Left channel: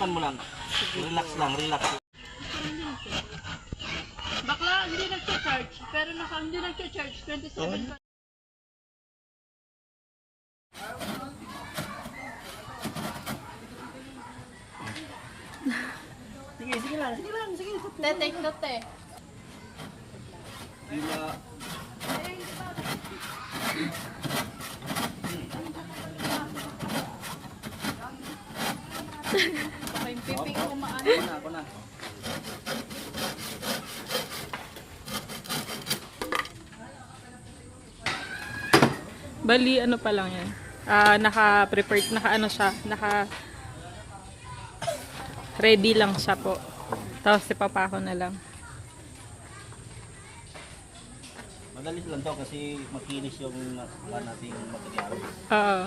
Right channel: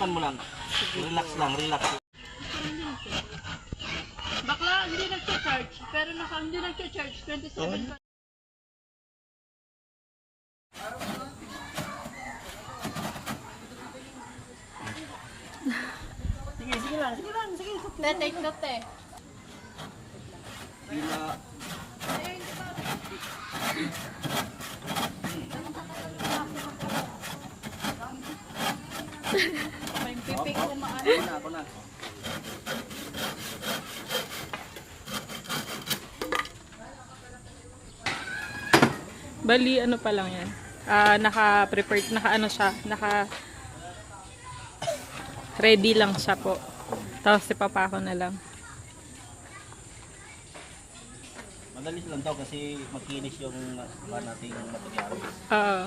Hawakan mo lang. Relax lang, relax. Bakla, hindi nagcha-charge. Pero hindi nagcha-charge. 27 pa. Sige, sige lang, sige lang, sige. Take note eh. Pila. May pipi ko maano. Ako na. Bali, ano pa lang yan. Naka-prepared, ready lang siya po. Tapos ipapako na lang. Madali lang daw kasi makinis yung nating materials. Oo.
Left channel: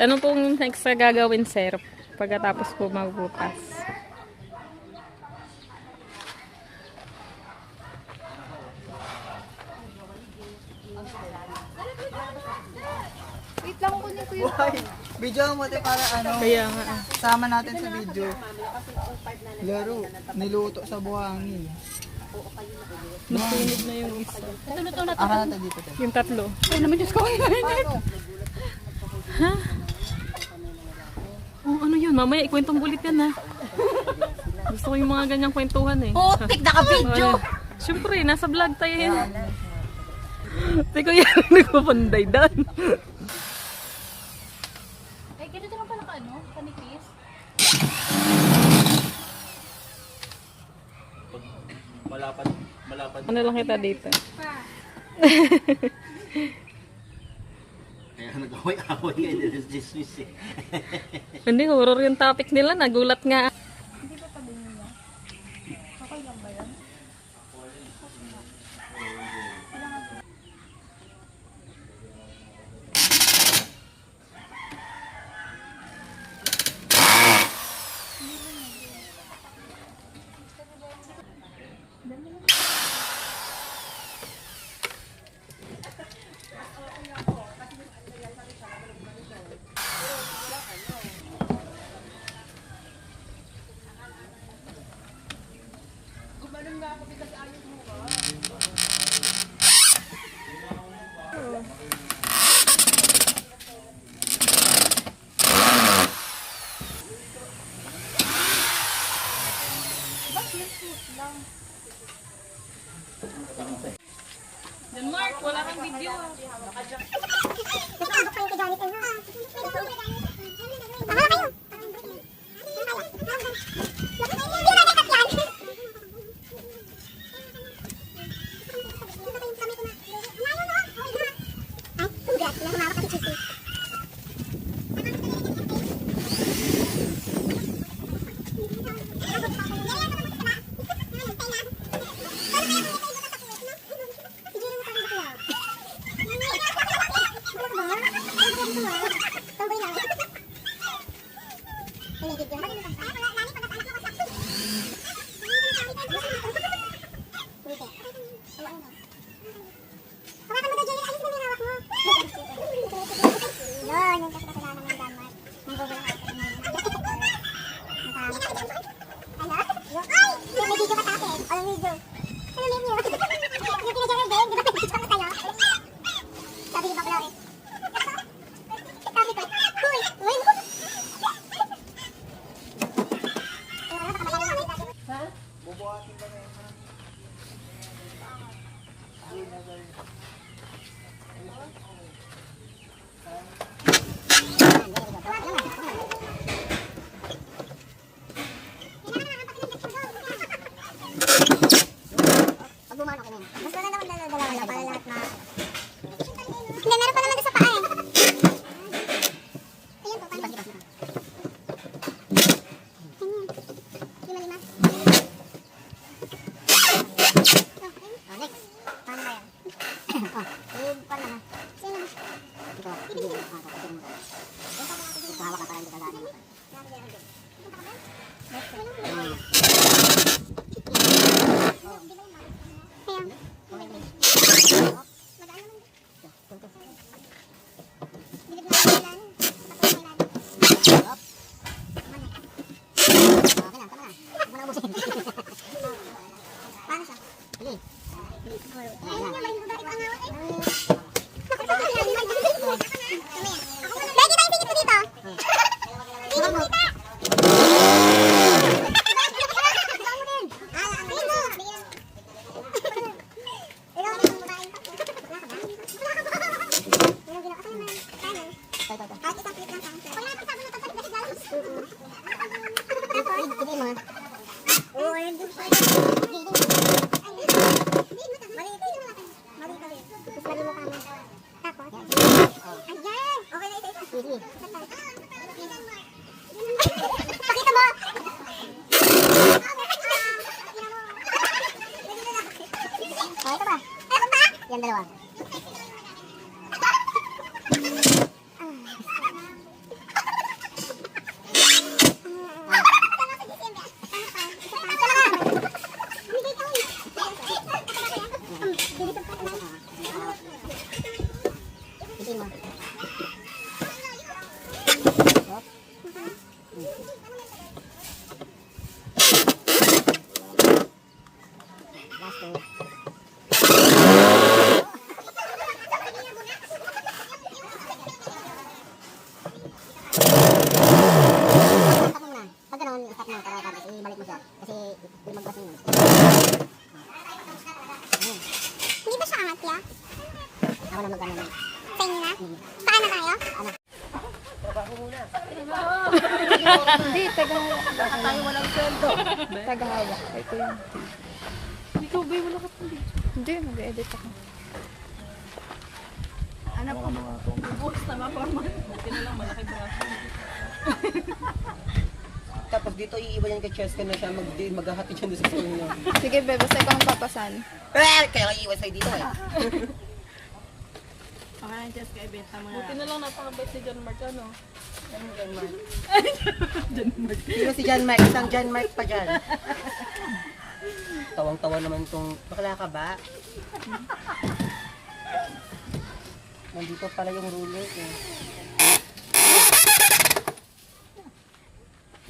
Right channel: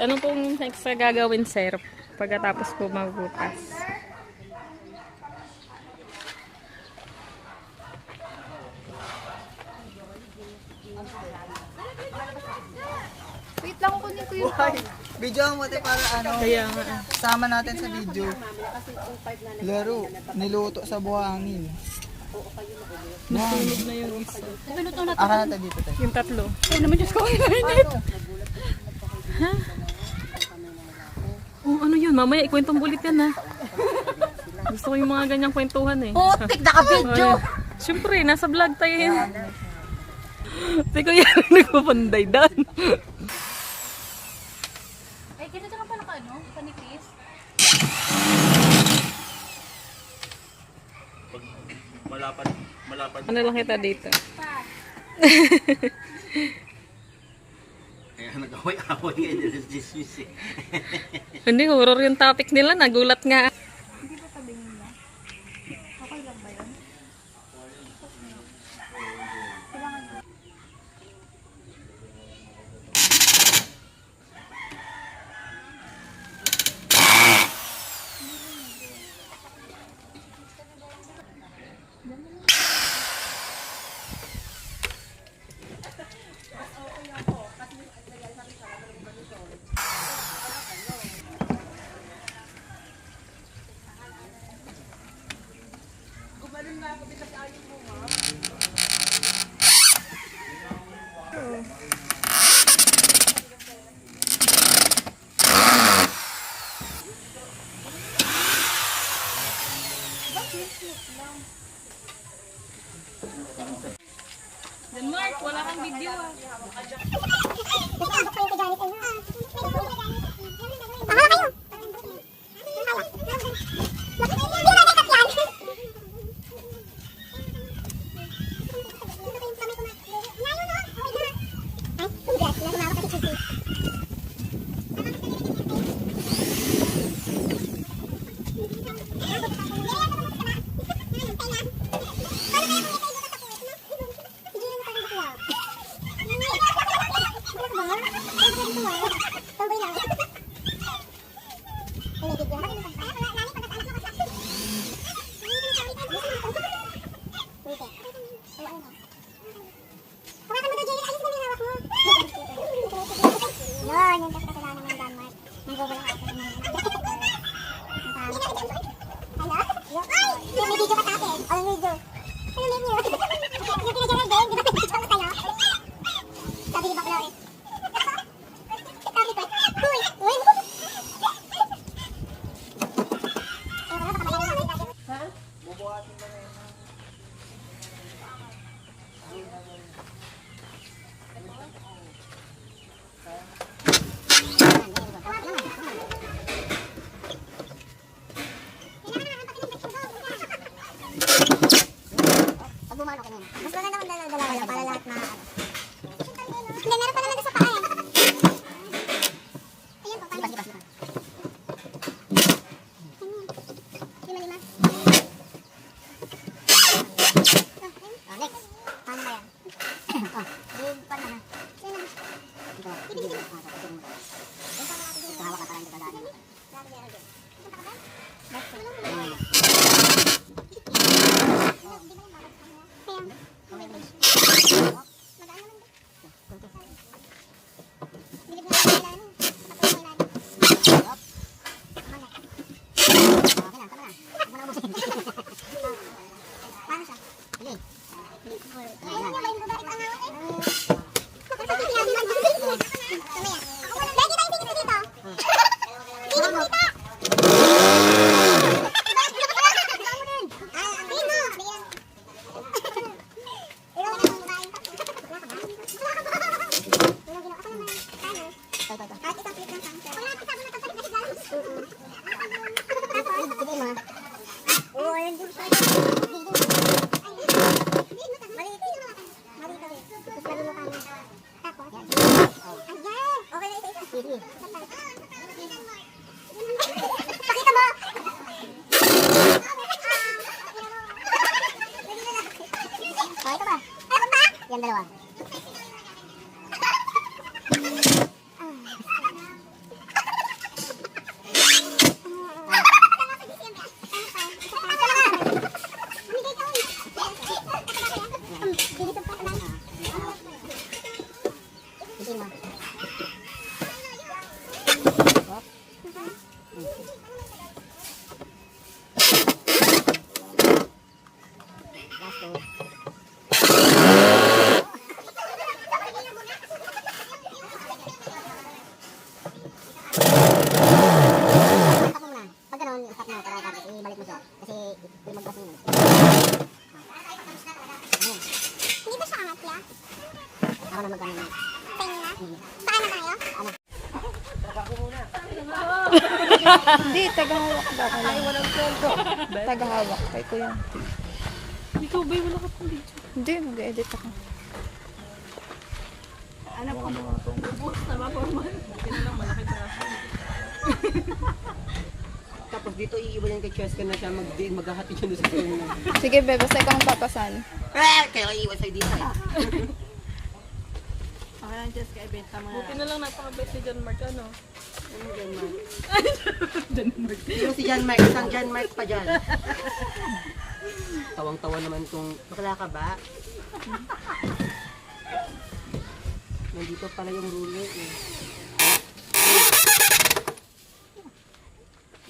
Ano pong next na gagawin, sir? Pagkatapos po magbutas. Wait lang, kunin ko yung... Video mo tayo para ano, Kaya nga. sama natin sa video. Laro, niluto sa buhangin. Nasunog na yung isa. Ito na to. Ara natin dito tayo. Yung tatlo. Oo naman, Diyos ko. Ha? Oh, ano yun? Mamaya ikwentong bulit yan, ha? Gusto ko yung mga ganyang kwentuhan, eh. Putik, naka-video. Siyempre, nasa vlog tayo yun. Teko yan, nagpapanday doon. Eh, ganito lang pala ka, ano? Panikis. Pag malapad. Ano lang kita dito? Kaya nag-away-away ngayon. This eh. Hindi, horror yung topic nila. Nagulat nga. Hindi ba sabi niya? Okay lang ba yun? Mas maganda kung dala-dala para lahat na. Hindi, meron pa naman doon sa paa eh. Ayan po, paano? Sige pa. Lima-lima. Next. Paano ba yan? Paano na? Sino? Ito. Ito. Ito hawak na parang hindi kaganin. Next. Paano siya? Sige. Lagi tayong tigit dito. Tigit dito. Pakita mo! Oh, ito ba? Ano ba? Yan, dalawa. Last two. Stop mo muna. Pag gano'n, stop mo. Tapos ibalik mo siya. Kasi lumagpas yun. Hindi ba siya angat ya? Ako na magkano. Sa inyo na? Saan na tayo? Ano? Hindi, tagahawak ba ako lang? Walang sweldo. Tagahawak. Ito yun. Ikaw, babe, wala ka pang video. Hindi, mag-edit ako. Ano pa? Buhos na maformal. Buti na lang, malaki braso. Tapos dito iiwan yan kay Cheska na siya maghahati siya doon sa phone niya. Sige, be, basta ikaw ang papasan. Kaya iiwan sa'yo dito eh. Buti na lang napakabait ni John Mark, ano? Sino si John Mark? Isang John Mark pa dyan. Tawang-tawa naman kung bakla ka ba? Nandito pala yung ruler eh.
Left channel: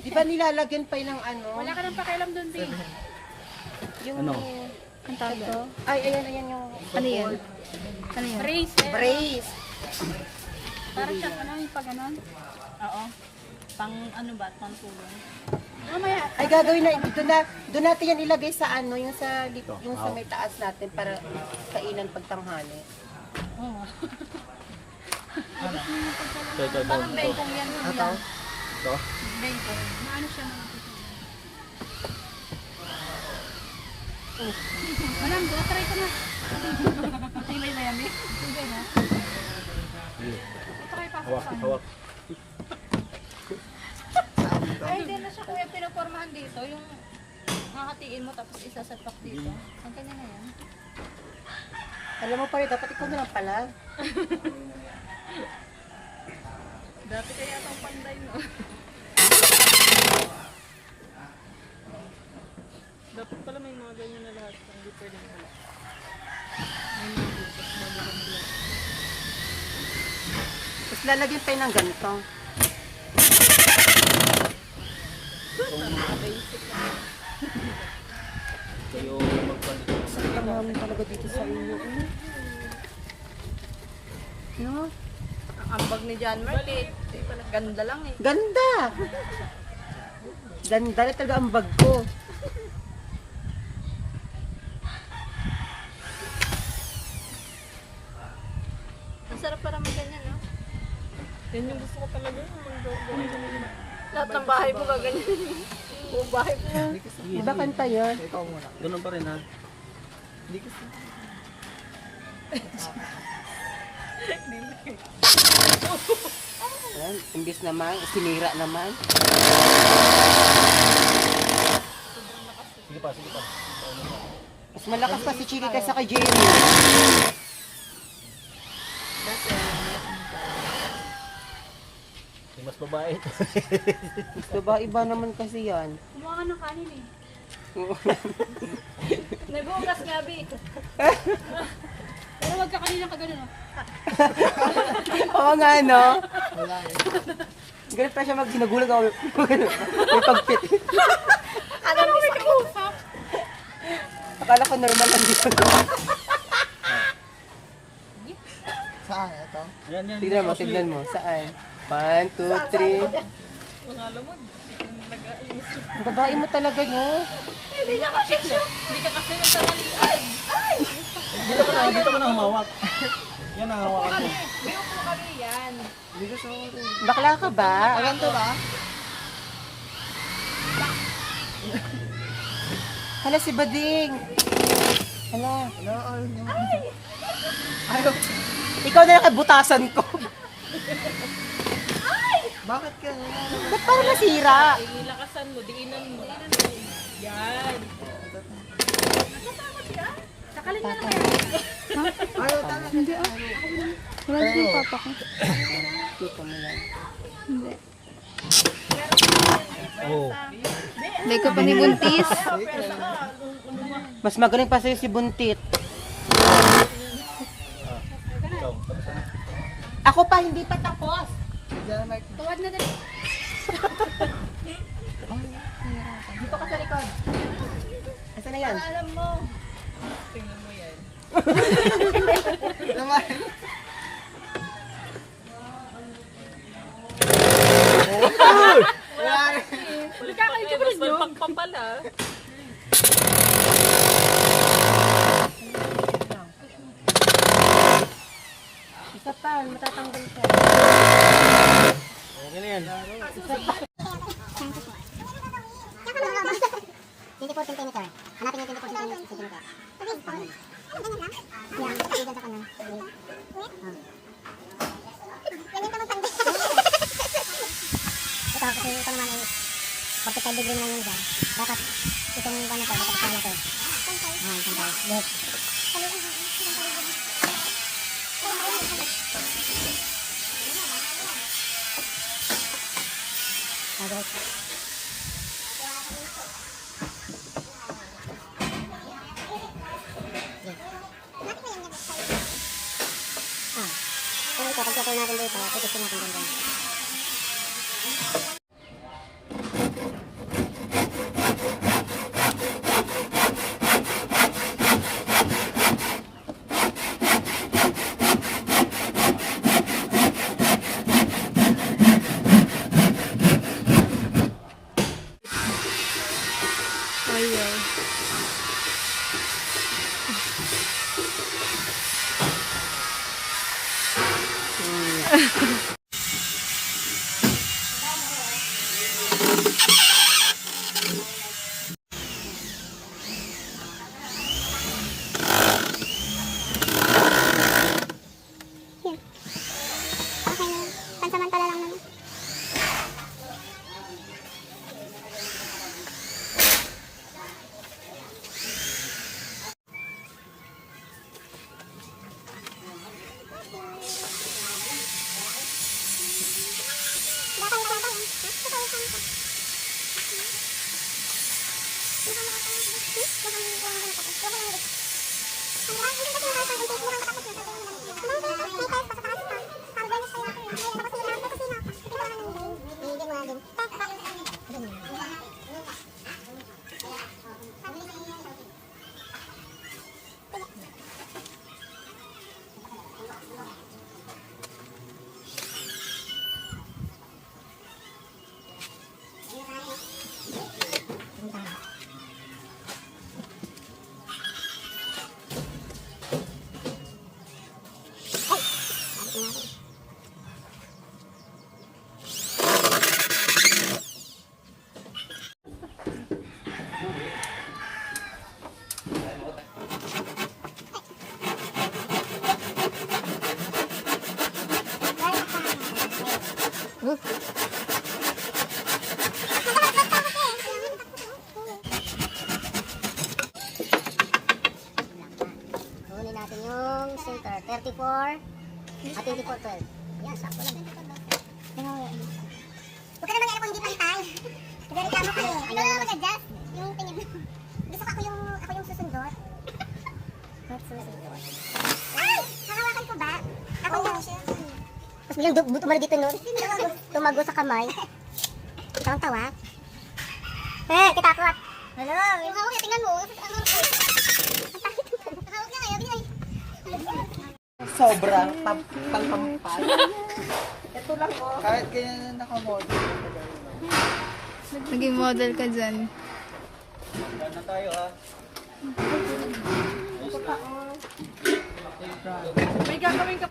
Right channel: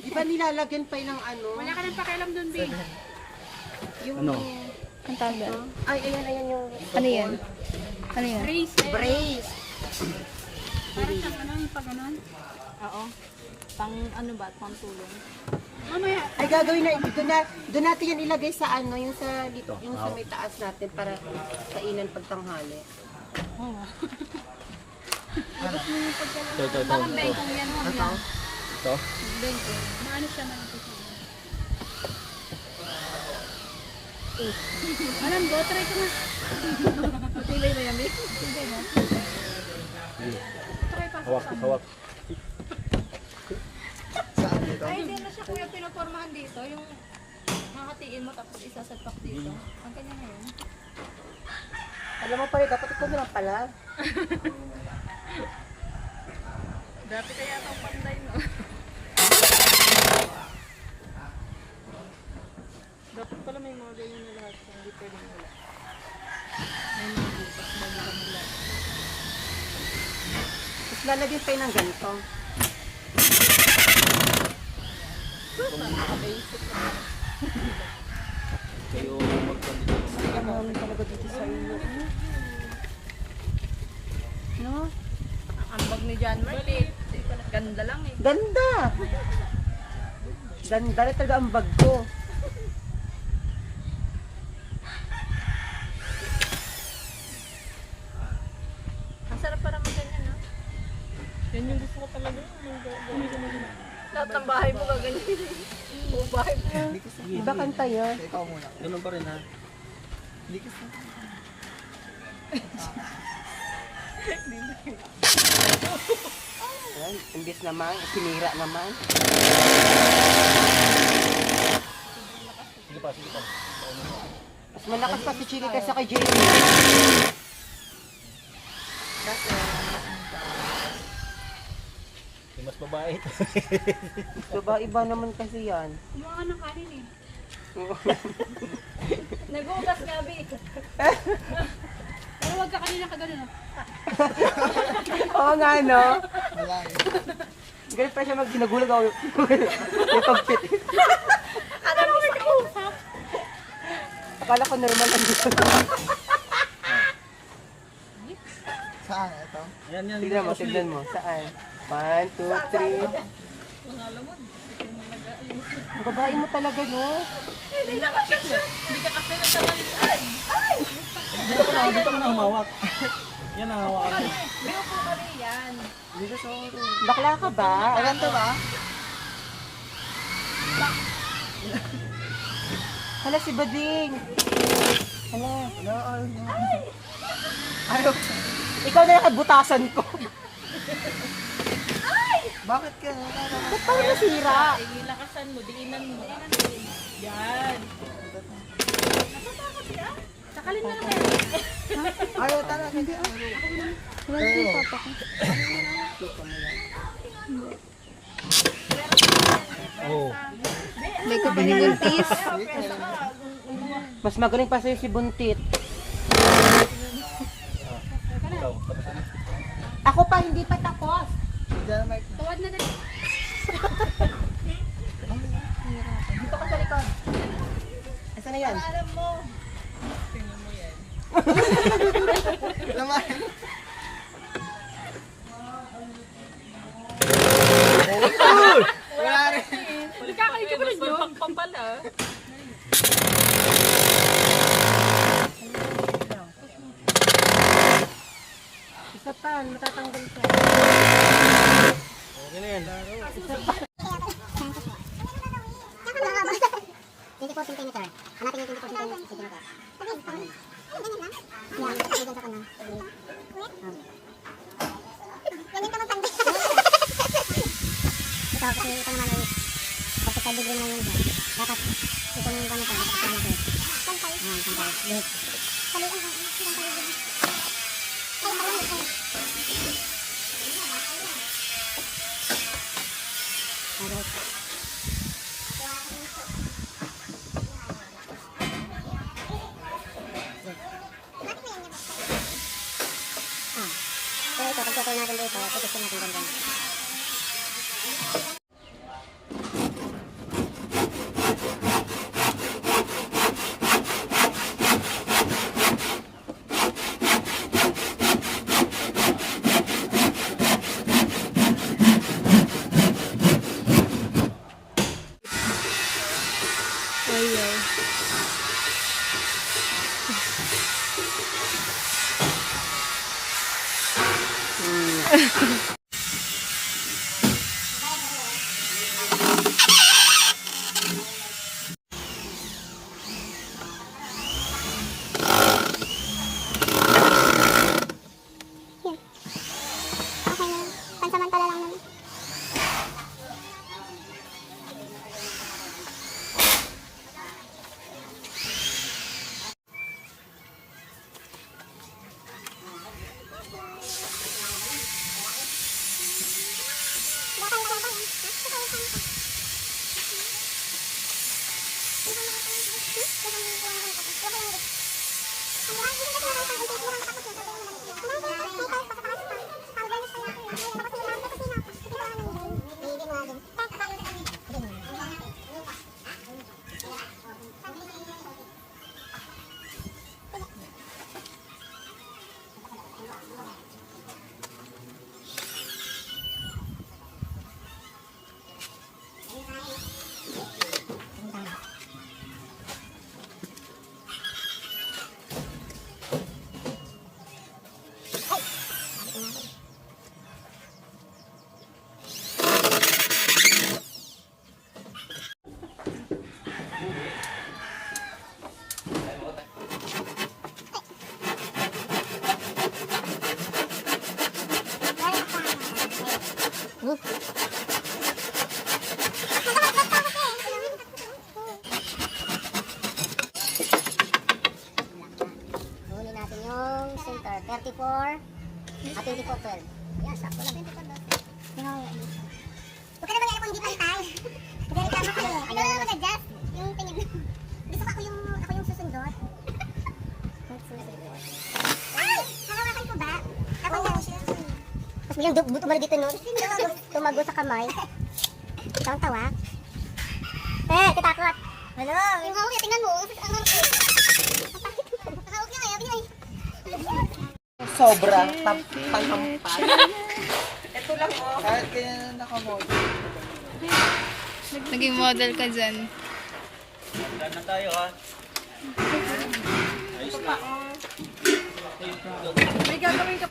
Di ba nilalagyan pa ng ano? Wala ka nang pakialam doon, babe. Ano? Ang tawag ba? Ay, ayan yung Ano yan? Ano yan? Brace, eh. brace. Para siyang ano, yung pag ganon. Oo. Pang ano ba? Pang tulong. Mamaya. Ay gagawin na doon natin yan ilagay sa ano, yung sa may taas natin para kainan pagtanghali. Oo. Ito. Parang bengkong yan. Ito? Ito? Bengkong. Maano siya man ito? Madam, go, try ko na. Pilay na yan, eh. Hawak. Ay, hindi na siya kuya pinapormahan dito. Yung hahatiin mo tapos isasalpak dito. Ang kanya na yan. Alam mo pala, dapat ikaw naman pala. Dati kaya itong panday, no? Dapat pala may mga ganyan na lahat. Hindi pwedeng wala. May mga bukas bago ka mula. Tapos lalagyan pa yun ng ganito. Kayo magpandito. Ano talaga dito sa iyo? No? Ang bag ni Johnny Balit. Ganda lang eh. Ganda! Ganda rin talaga ang bag ko. Masarap para mo ganyan, no? Yan yung gusto ko talaga. Lahat ng bahay mo gaganyan. Buong bahay mo. Iba kanta yan. Ikaw muna. Ganun pa rin ha. Ayan, imbis naman, sinira naman. Sige pa, sige pa. Mas malakas pa si Chiki kaysa kay Jamie. Yung mas babae. Iba naman kasi yan. Kumuha ka ng kanin eh. Nagugas nga, Bi. Pero wag ka kanina ka ganun, oh. Oo nga, no? Wala eh. Ganun pa siya mag-ginagulag ako. May pagpit. Ano mo nag-uusap? Akala ko normal lang dito. Saan? Ito? Yan, yan. Tignan mo. Saan? 1, 2, 3. Ang babae mo talaga, no? Dito ka na humawak. Yan ang hawakan mo. Bakla ka ba? Maganda ba? Hala si Bading. Ano? Ayaw. Ikaw na yung kabutasan ko. Bakit ka? Wala naman. Ba't parang nasira? Ilakasan mo, diinan mo. Yan. Sakalin na lang kaya. Ayaw talaga. Hindi Wala yung papa ko. Oo. Hindi ko binibuntis. Mas magaling pa sa'yo si Buntit. Ikaw, tapos ano? Ako pa, hindi pa tapos. Diyan, Mike. Tuwad na dali. Dito ka sa likod. Asan na yan? Alam mo. Naman. Nagkakain ka ba rin yun? Pampala. Isa pa, matatanggal ka. Okay na yan. 24 cm. Hanapin yung 24 cm. Ito, kasi ito naman ay 45 degree naman yun dyan. Dapat itong ano to, dapat kasama to. Ayan, santay. Yes. Pero ito, pagkatuloy natin dito, tutusin natin ganda. Ayaw. Okay na yun. Pansamantala lang naman. Kunin natin yung center. 34 at 24, 12. Yan, sakto lang. Huwag ka naman nga kung hindi pantay. Nagreklamo ka eh. Ano naman mag-adjust? Yung tingin. Gusto ko ako yung susundot. Ay! Hakawakan ko ba? Ako ba? Tapos bilang tumalo dito nun. Tumago sa kamay. Itang tawa. Kitakot. Hello? Yung hawak niya, tingnan mo. Ang hawak niya ngayon. Sobra. Panghampas. Ito lang oh. Kahit ganyan nakamodel. Naging model ka dyan. Saan na tayo ha? May gagawin ka